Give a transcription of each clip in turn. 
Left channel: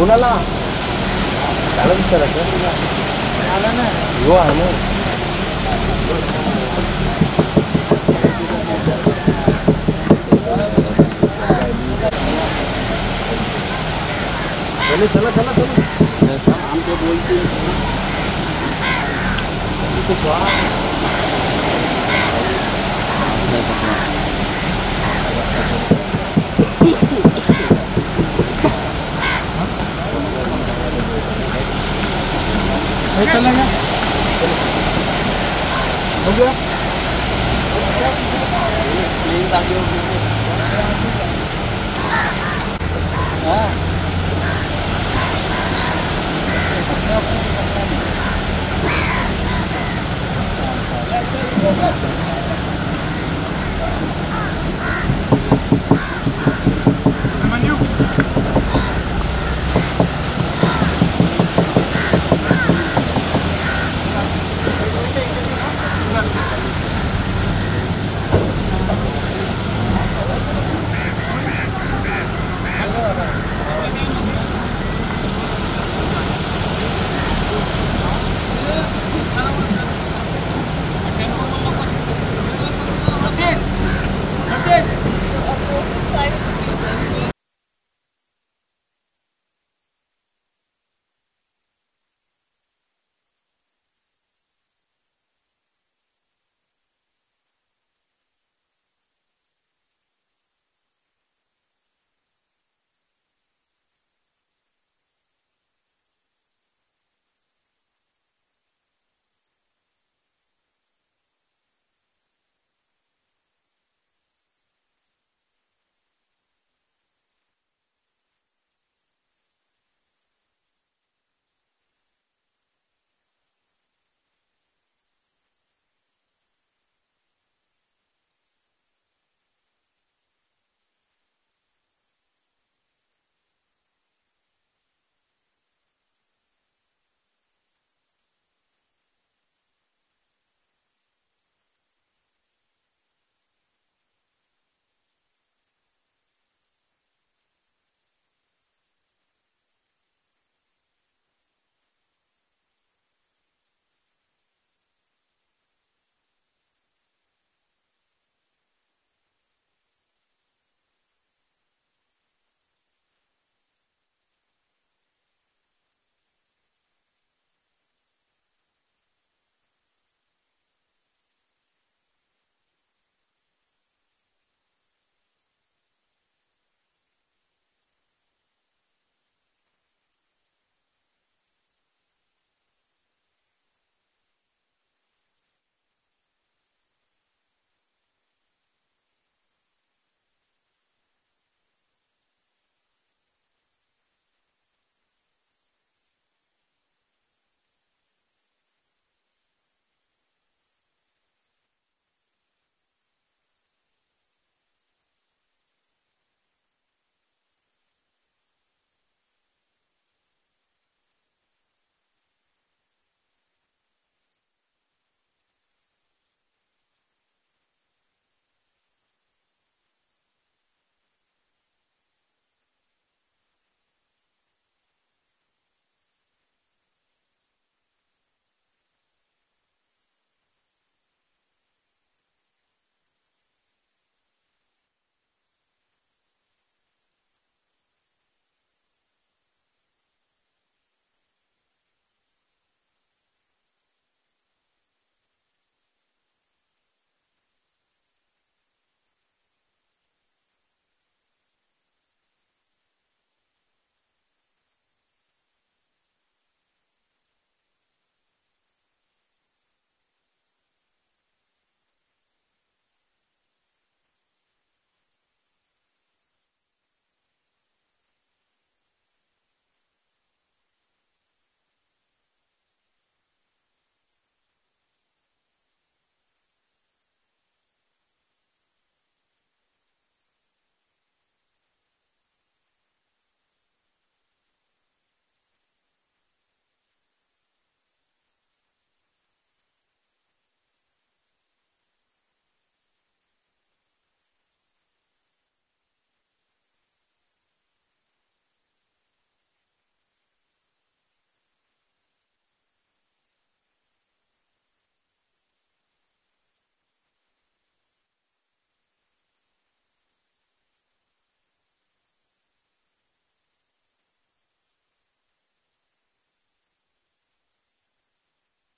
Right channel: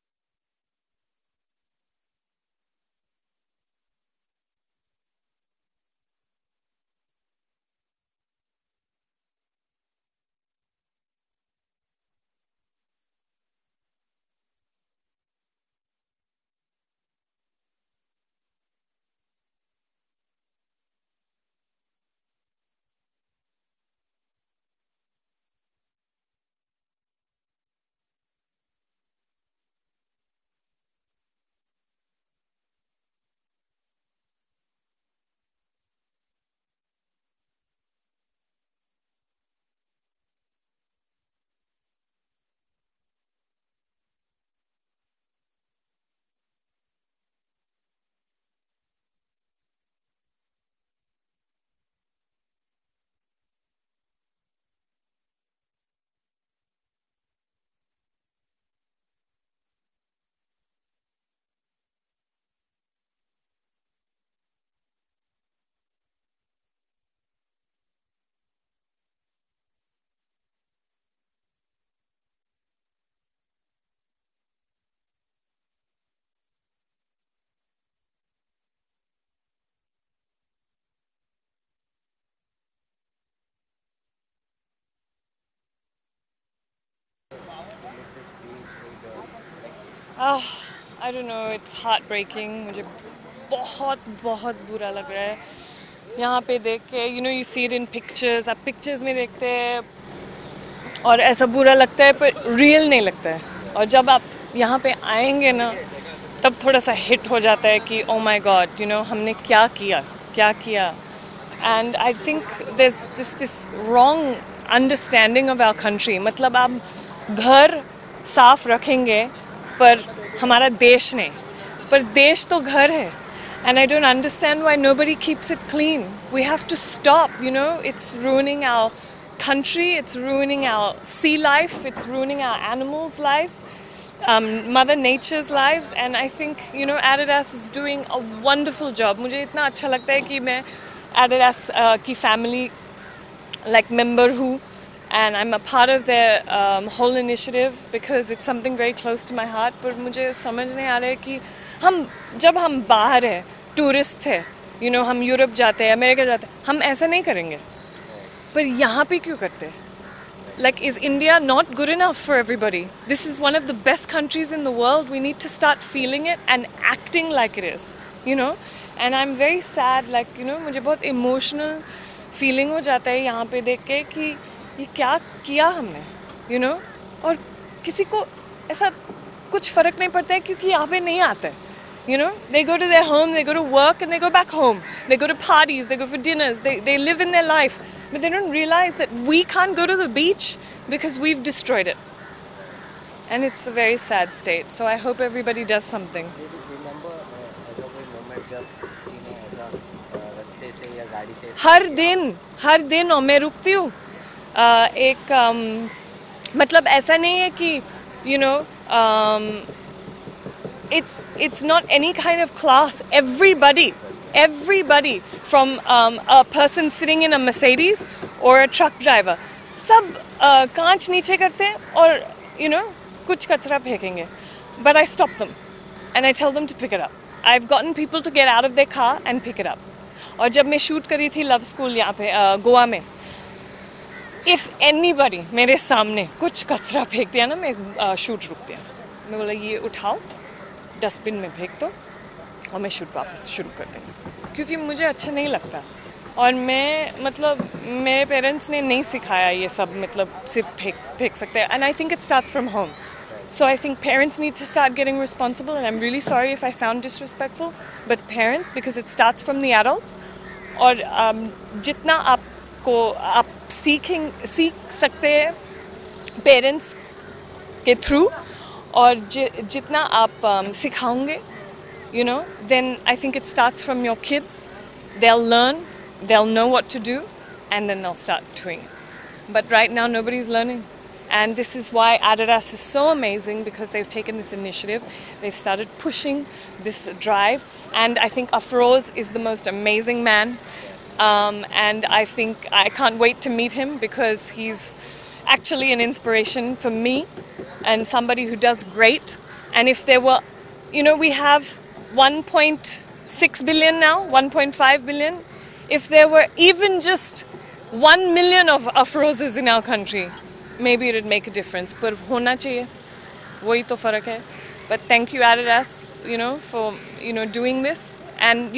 Bunala. Dalam cara kerja. Yo anu. चलो चलो चलो चलो हमको बोलते हैं तो चलेगा हो गया हाँ I don't know, it's heartbreaking. मुझे बहुत बहुत बुरा लग रहा है यहाँ पे देख के. You know, you see it in pictures. आप pictures में देखते हैं और ऐसा बुरा लगता है पर real नहीं लगता है. और जब आप यहाँ पे आएंगे ना तब थोड़ा सा hit हो जाता है कि oh my God, you know, हमने क्या किया. And I think there's this wrong understanding of our country. मतलब आप घर साफ रखेंगे पर हमारा देश नहीं, पर देश तो घर है. And I don't understand why nobody keeps it clean. We have to stop, you know, it's ruining our country, it's ruining our sea life, it's ruining our animals' lives, Mother Nature's lives. And I think, you know, Adidas is doing a wonderful job. मुझे इतना अच्छा लगता है कि मैं Adidas की family like member हूँ. And I'm a part of their whole initiative because it's something very close to my heart. पर मुझे समझ नहीं आ रहा है कि जब हम बाहर हैं, टूरिस्ट हैं, you know, हम यूरोप जाते हैं, अमेरिका जाते हैं, हम ऐसा नहीं करेंगे. पर यहाँ पे क्यों करते हैं? Like, is India not good enough for everybody? This is one of the best countries in the world. We need to start feeling it and acting like it is, you know. And I'm very sad, like, you know, मुझे बहुत emotional feeling हो जाता है यहाँ पे देख के कि ये क्या किया हमने, you know, और किसी को ऐसा कुछ फ़र्क नहीं पड़ता है क्योंकि यहाँ पे नहीं आता है, you know. They go to their home, they go to work and they go back home. They go to parties, they go for dinners, they live in their life. But they don't realize that we can't go to the beach because we've destroyed it. And it's a very sad state. So I hope everybody does something. हर दिन और मैं रुकती हूँ. मतलब ऐसा नहीं है कि you know, it's not any kind of class. Everybody from a person sitting in a Mercedes or a truck driver, सब कांच नीचे करते हैं और you know कुछ कचरा फेंकेंगे. But I stop them and I tell them to pick it up. I've gotten people to get out of their car and pick it up. और जब मैं शूट करी थी लव स्कूल यहाँ पे गोवा में, if anybody मेरे सामने कुछ कचरा फेंक दिया ना, मैं शूट रुक दिया. मैं बोला ये उठाओ, डस्टबिन में फेंक दो और मैं शूट वापस शुरू कर देंगे, क्योंकि मुझे अच्छा नहीं लगता. और मैं मतलब मेरे पेरेंट्स ने नहीं सिखाया ये सब, मतलब सिर्फ फेंक सकते हैं. And I think it starts from home. So I think parents need to start getting responsible, and I'm really sorry if I sound disrespectful, but parents, because it starts from the adults. और जितना आप सीख सकते हैं parents के through, और जितना आप सिखाओगे, you know, then I think it starts from your kids. They'll learn, they'll know what to do, and then they'll start doing. But right now nobody's learning. And this is why Adidas is so amazing, because they've taken this initiative. They've started pushing this drive. And I think Afroz is the most amazing man. And I think I can't wait to meet him, because he's actually an inspiration for me and somebody who does great. And if there were, we have 1.6 billion now, 1.5 billion. If there were even just 1 million of Afrozes in our country, maybe it would make a difference. But hona chahiye. वही तो फ़र्क है. But thank you Adidas, for doing this. And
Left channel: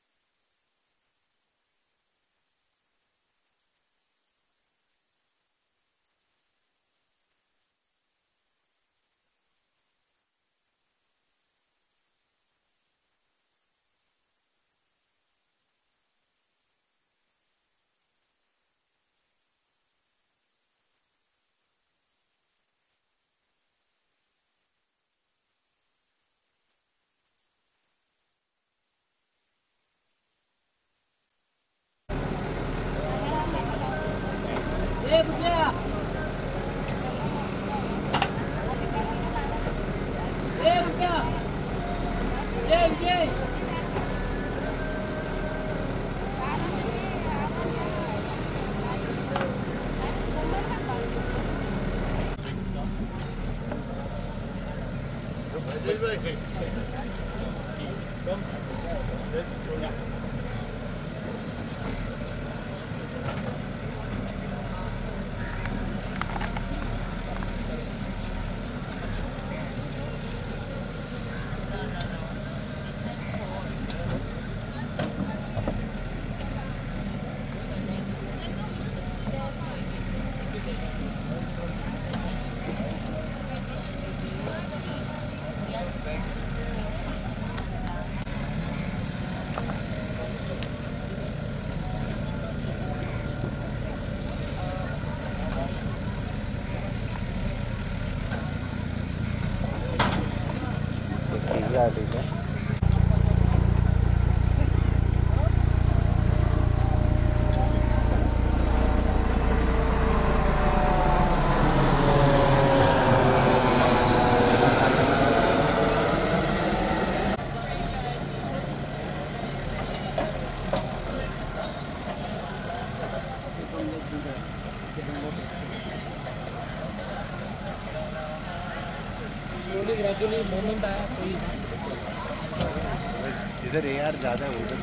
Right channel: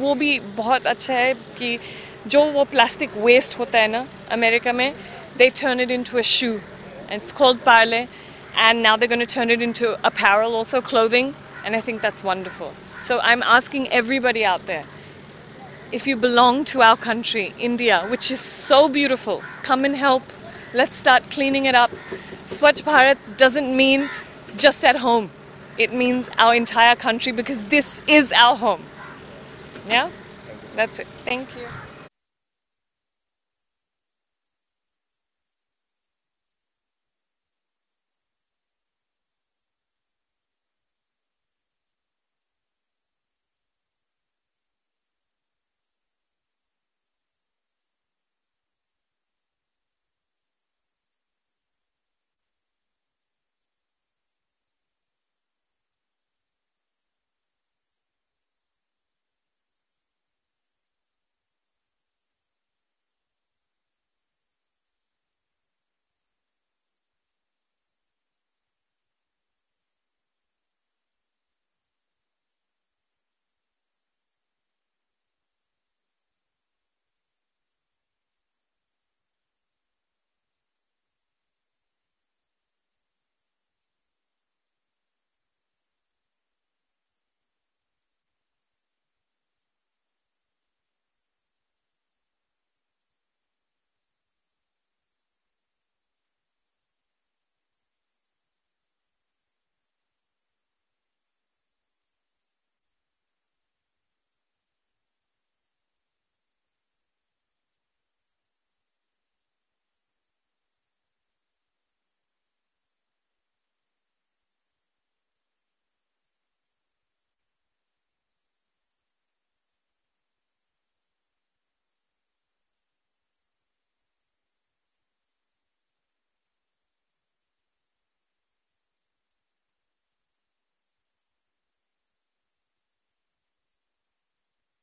वो भी बहुत अच्छा है कि जो वो plastic waste होता है ना अमेरिका में, they turn it into a shoe, and it's called Parle, and now they're going to turn it into apparel, also clothing, and I think that's wonderful. So I'm asking everybody out there, if you belong to our country, India, which is so beautiful, come and help. Let's start cleaning it up. Swachh Bharat doesn't mean just at home. It means our entire country, because this is our home. Yeah? That's it. Thank you. Gradually moment आया कोई इधर AR ज़्यादा है उधर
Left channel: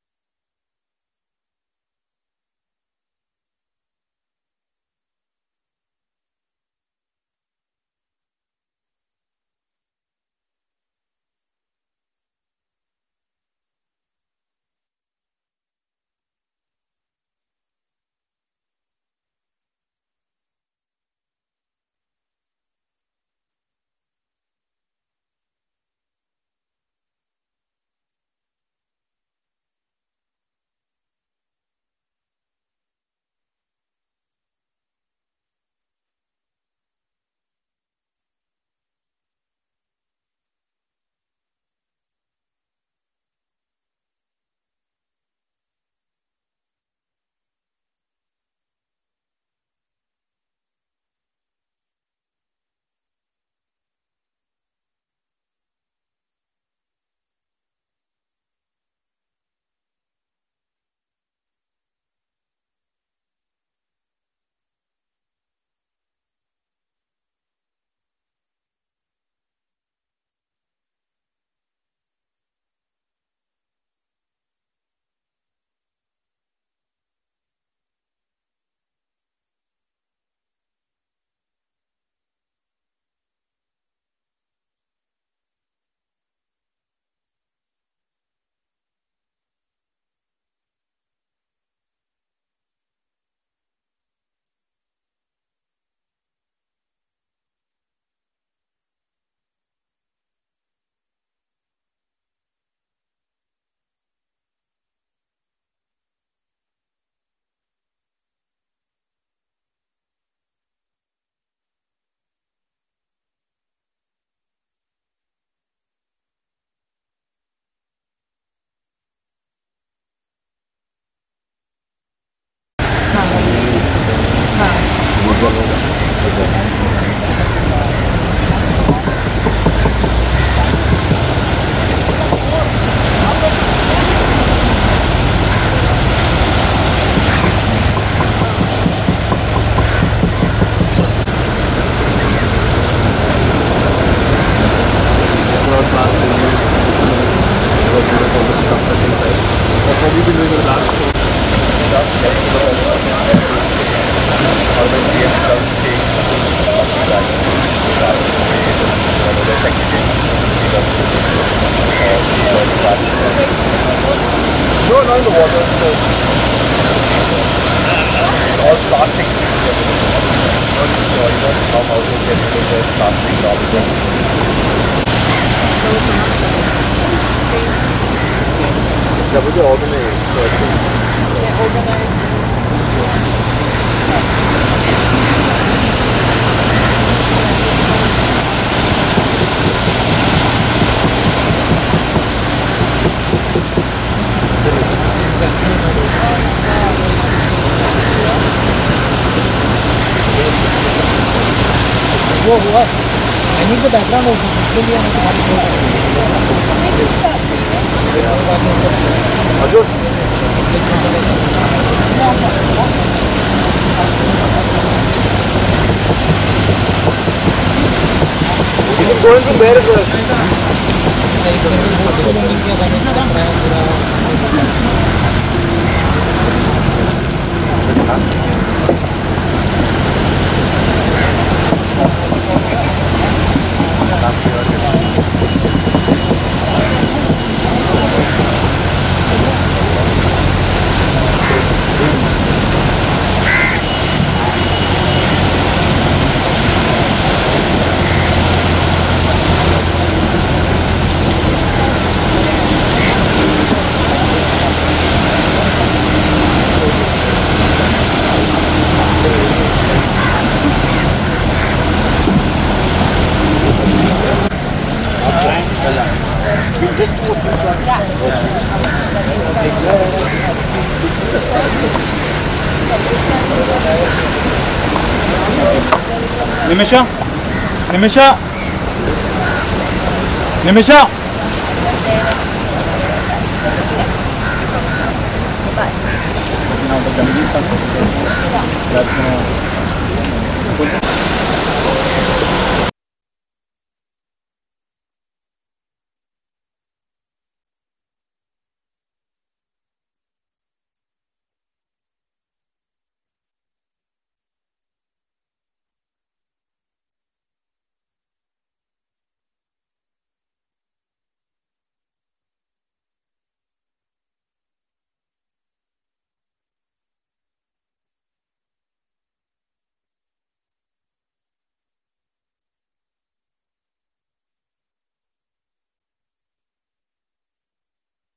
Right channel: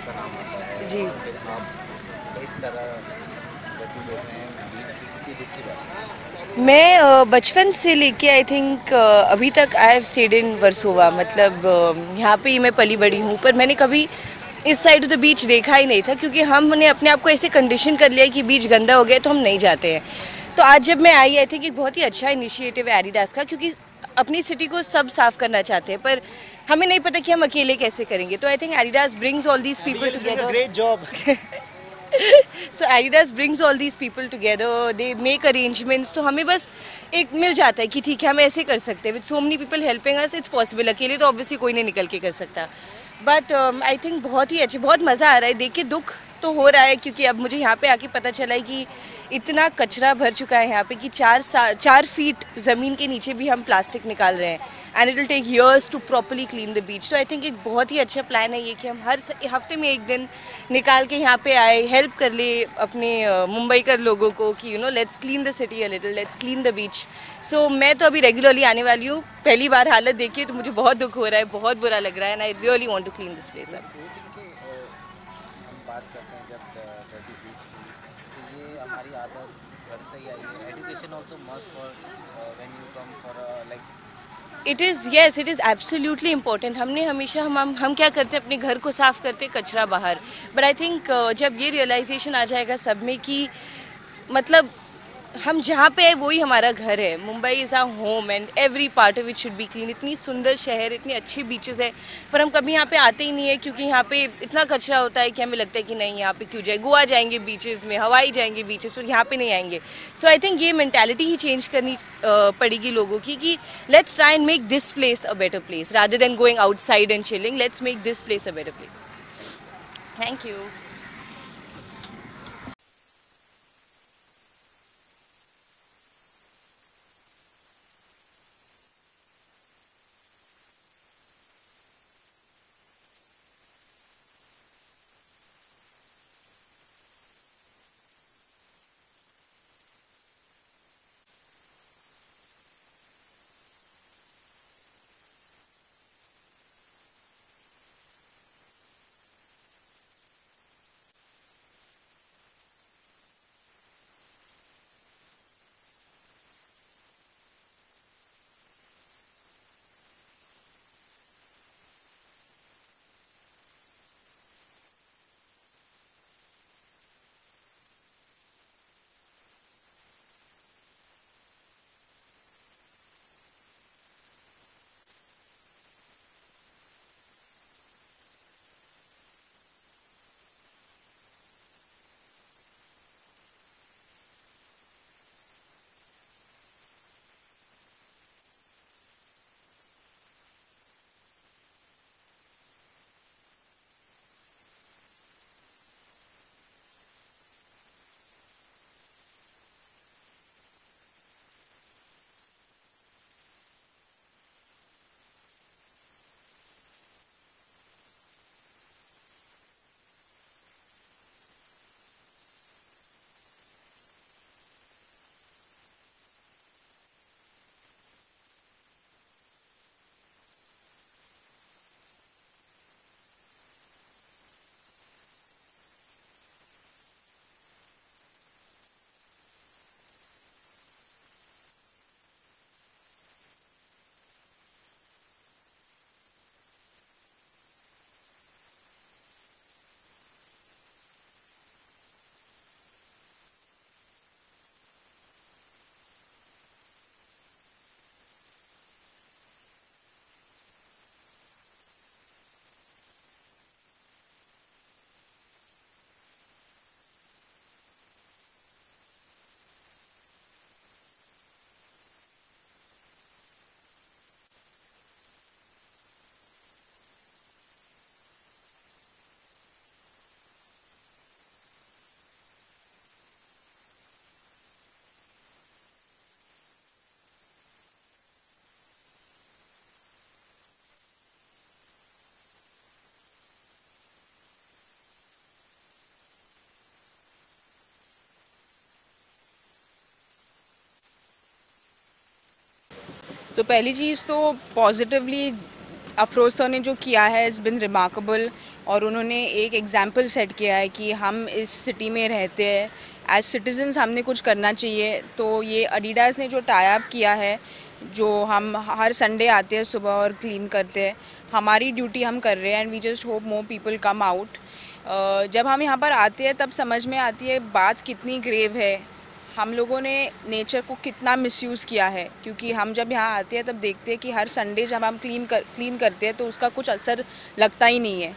Adidas का नाम आता है जी। और फिर आप इस तरह गति ले रहे हैं बीच की, कितनी दुख की बात है। मैं बचपन से लेके आई थिंक अभी तक I have stayed in Versova, मतलब यहाँ पे ही मैं पली बड़ी हूँ, पर मैंने कभी इस साइड ऑफ द बीच देखा ही नहीं था, क्योंकि हमने अपने आप को ऐसे कंडीशन कर लिया कि बीच गंदा हो गया तो हम नहीं जाते हैं। तो आज जब मैं आई थिंक एक बहुत ही अच्छा इनिशिएटिव है एडिडास का, क्योंकि अपनी सिटी को सब साफ करना चाहते हैं, पर हमें नहीं पता कि हम अकेले कैसे करेंगे। तो I think Adidas brings all these people together. Great job. So Adidas brings all these people together, they make arrangements, तो हमें बस एक मिल जाता है कि ठीक है हम ऐसे कर सकते हैं। With so many people helping us, it's possible। अकेले तो obviously कोई नहीं निकल के कर सकता, बट आई थिंक बहुत ही अच्छे, बहुत मज़ा आ रहा है देख के। दुख तो हो रहा है क्योंकि अब मुझे यहाँ पे आके पता चला है कि इतना कचरा भर चुका है यहाँ पे कि 4 फीट ज़मीन के नीचे भी हम प्लास्टिक निकाल रहे हैं, and it will take years to properly clean the beach. तो आई थिंक एक बहुत ही अच्छा प्लान है ये कि हम हर हफ्ते में एक दिन निकाल के यहाँ पे आए, हेल्प कर ले अपने मुंबई कर लोगों को कि let's clean the city a little, let's clean the beach. So मैं तो अभी रेगुलरली आने वाली हूँ। पहली बार हालत देखी तो मुझे बहुत दुख हो रहा है, बहुत बुरा लग रहा है, and I really want to clean this place up. हम बात करते हैं जब डर्टी बीच की, तो ये हमारी आदत घर से ही आई है। Education also must for when you come for like it is yes, it is absolutely important. हमने हमेशा हम क्या करते हैं, अपने घर को साफ़ करते, कचरा बाहर। बट आई थिंक जब ये रियलाइजेशन आ जाएगा सब में कि मतलब हम जहाँ पे है वही हमारा घर है। Mumbai is our home and every part of it should be clean. इतनी सुंदर शहर, इतनी अच्छी बीचेस है, पर हम कभी यहाँ पे आते ही नहीं है क्योंकि यहाँ पे इतना कचरा होता है कि हमें लगता है कि नहीं यहाँ पे क्यों जाए, गोवा जाएंगे बीचेस में, हवाई जाएंगे बीचेस पर, यहाँ पे नहीं आएंगे। सो आई थिंक ये मैंटेलिटी ही चेंज करनी पड़ेगी लोगों की कि let's try and make this place a better place rather than going outside and chilling. Let's make this place a better place. Thank you. No, not in the water. All plastic. How houses get rid of their plastic garbage. Yeah, but they're organized. So I think वो हुआ I need the background of इसके लिए हमें तुम्हारी going from there as well. We'll just do a few shots. Nimisha, Nimisha, Nimisha. Now the Gandhi that's तो पहली चीज़ तो positively Afroz sir ने जो किया है इज़ बिन रिमार्केबल, और उन्होंने एक एग्जाम्पल सेट किया है कि हम इस सिटी में रहते हैं, एज सिटीजन्स हमने कुछ करना चाहिए। तो ये एडिडास ने जो टाई अप किया है, जो हम हर संडे आते हैं सुबह और क्लीन करते हैं, हमारी ड्यूटी हम कर रहे हैं, and we just hope more people come out. जब हम यहाँ पर आते हैं तब समझ में आती है बात कितनी ग्रेव है, हम लोगों ने नेचर को कितना मिसयूज़ किया है। क्योंकि हम जब यहाँ आते हैं तब देखते हैं कि हर संडे जब हम क्लीन करते हैं तो उसका कुछ असर लगता ही नहीं है।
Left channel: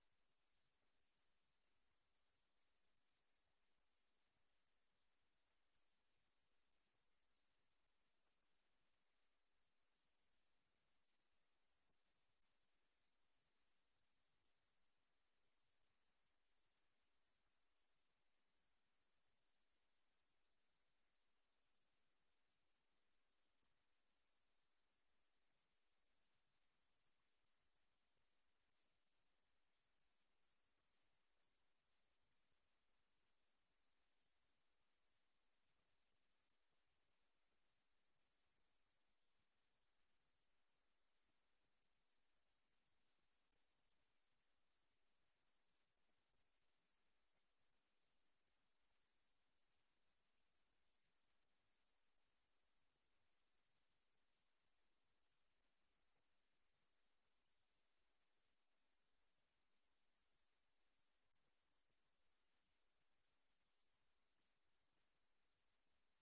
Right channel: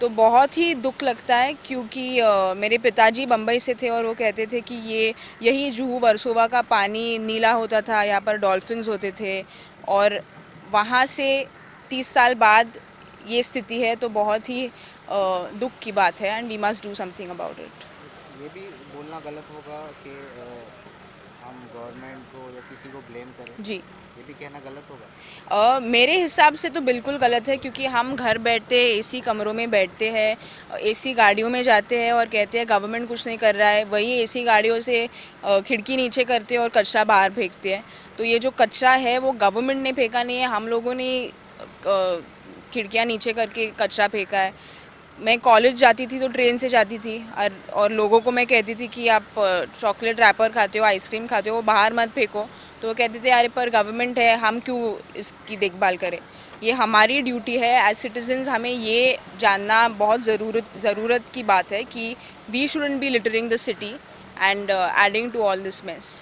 तो बहुत ही दुख लगता है, क्योंकि मेरे पिताजी बम्बई से थे और वो कहते थे कि यही जुहू वर्सोवा का पानी नीला होता था, यहाँ पर डॉल्फिन्स होते थे, और वहाँ से 30 साल बाद ये स्थिति है। तो बहुत ही दुख की बात है, and we must do something about it. ये भी बोलना गलत होगा कि हम गवर्नमेंट को या किसी को ब्लेम करें, जी, ये भी कहना गलत होगा। मेरे हिसाब से तो बिल्कुल गलत है, क्योंकि हम घर बैठते हैं, एसी कमरों में बैठते हैं, एसी गाड़ियों में जाते हैं और कहते हैं गवर्नमेंट कुछ नहीं कर रहा है। वही एसी गाड़ियों से खिड़की नीचे करते हैं और कचरा बाहर फेंकते हैं। तो ये जो कचरा है वो गवर्नमेंट ने फेंका नहीं है, हम लोगों ने खिड़कियाँ नीचे करके कचरा फेंका है। मैं कॉलेज जाती थी तो ट्रेन से जाती थी, और लोगों को मैं कहती थी कि आप चॉकलेट रैपर खाते हो, आइसक्रीम खाते हो, वो बाहर मत फेंको। तो वो कहते थे अरे पर गवर्नमेंट है, हम क्यों इसकी देखभाल करें। ये हमारी ड्यूटी है एज सिटीजन्स, हमें ये जानना बहुत ज़रूरत की बात है कि we shouldn't be littering the city and adding to all this mess.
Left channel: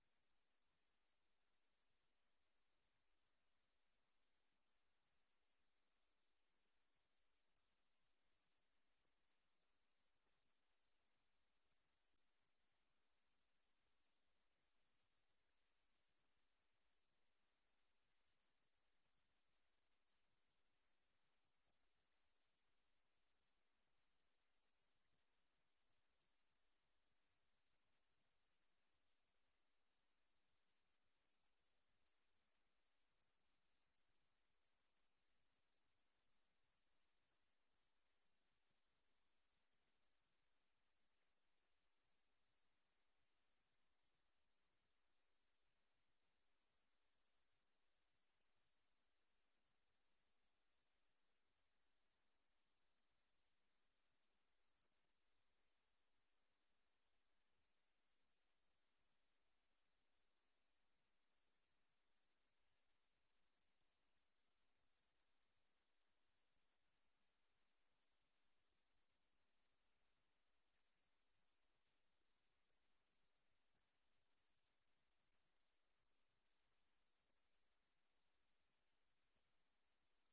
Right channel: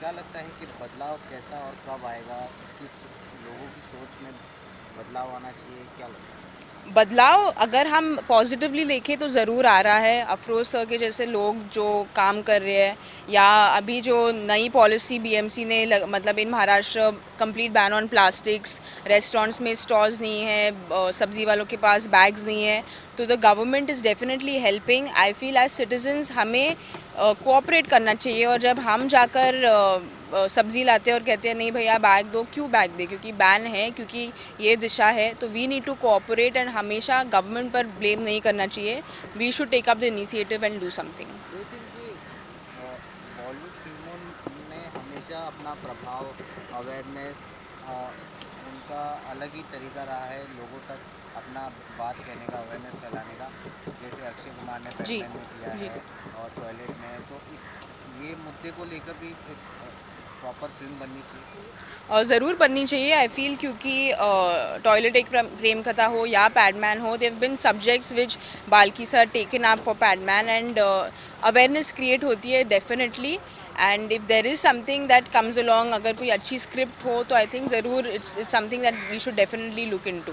क्या लगता है कि बदलाव कैसा और कब आएगा, किस लोगों की सोच में बदलाव आना चाहिए, क्या लगता है? बदलाव अगर हम पॉजिटिवली देखें तो ज़रूर आ रहा है। अफरोज़ सर के जैसे लोग जो काम कर रहे हैं, या अभी जो नई पॉलिसी बीएमसी ने मतलब in Maharashtra complete ban on plastics, restaurants में स्टॉल्स नहीं है, सब्ज़ी वालों के पास बैग्स नहीं है, तो the government is definitely helping. I feel as citizens हमें कोऑपरेट करना चाहिए, और जब हम जाकर सब्ज़ी लाते हैं और कहते हैं नहीं भैया बैग दो, क्यों बैग दे, क्योंकि बैन है, क्योंकि ये दिशा है। तो we need to cooperate, and हमेशा गवर्नमेंट पर ब्लेम नहीं करना चाहिए। We should take up the initiative and do something. Bollywood फिल्मों ने हमेशा अपना प्रभाव, अवेयरनेस, उनका अलग ही तरीका रहा है लोगों तक अपना बात कहने का, अवेयरनेस फैलाने का। जैसे अक्षय कुमार ने पैडमैन में किया है और टॉयलेट में, तो ये मुद्दे को लेकर भी प्रॉपर फिल्म बननी चाहिए और ज़रूर बननी चाहिए आई फील, क्योंकि टॉयलेट एक प्रेम कथा हो या पैडमैन हो, they've been subjects which Balki sir taken up for Padman, and awareness create होती है definitely. And if there is something that comes along, अगर कोई अच्छी स्क्रिप्ट हो तो आई थिंक ज़रूर it's something that we should definitely look into.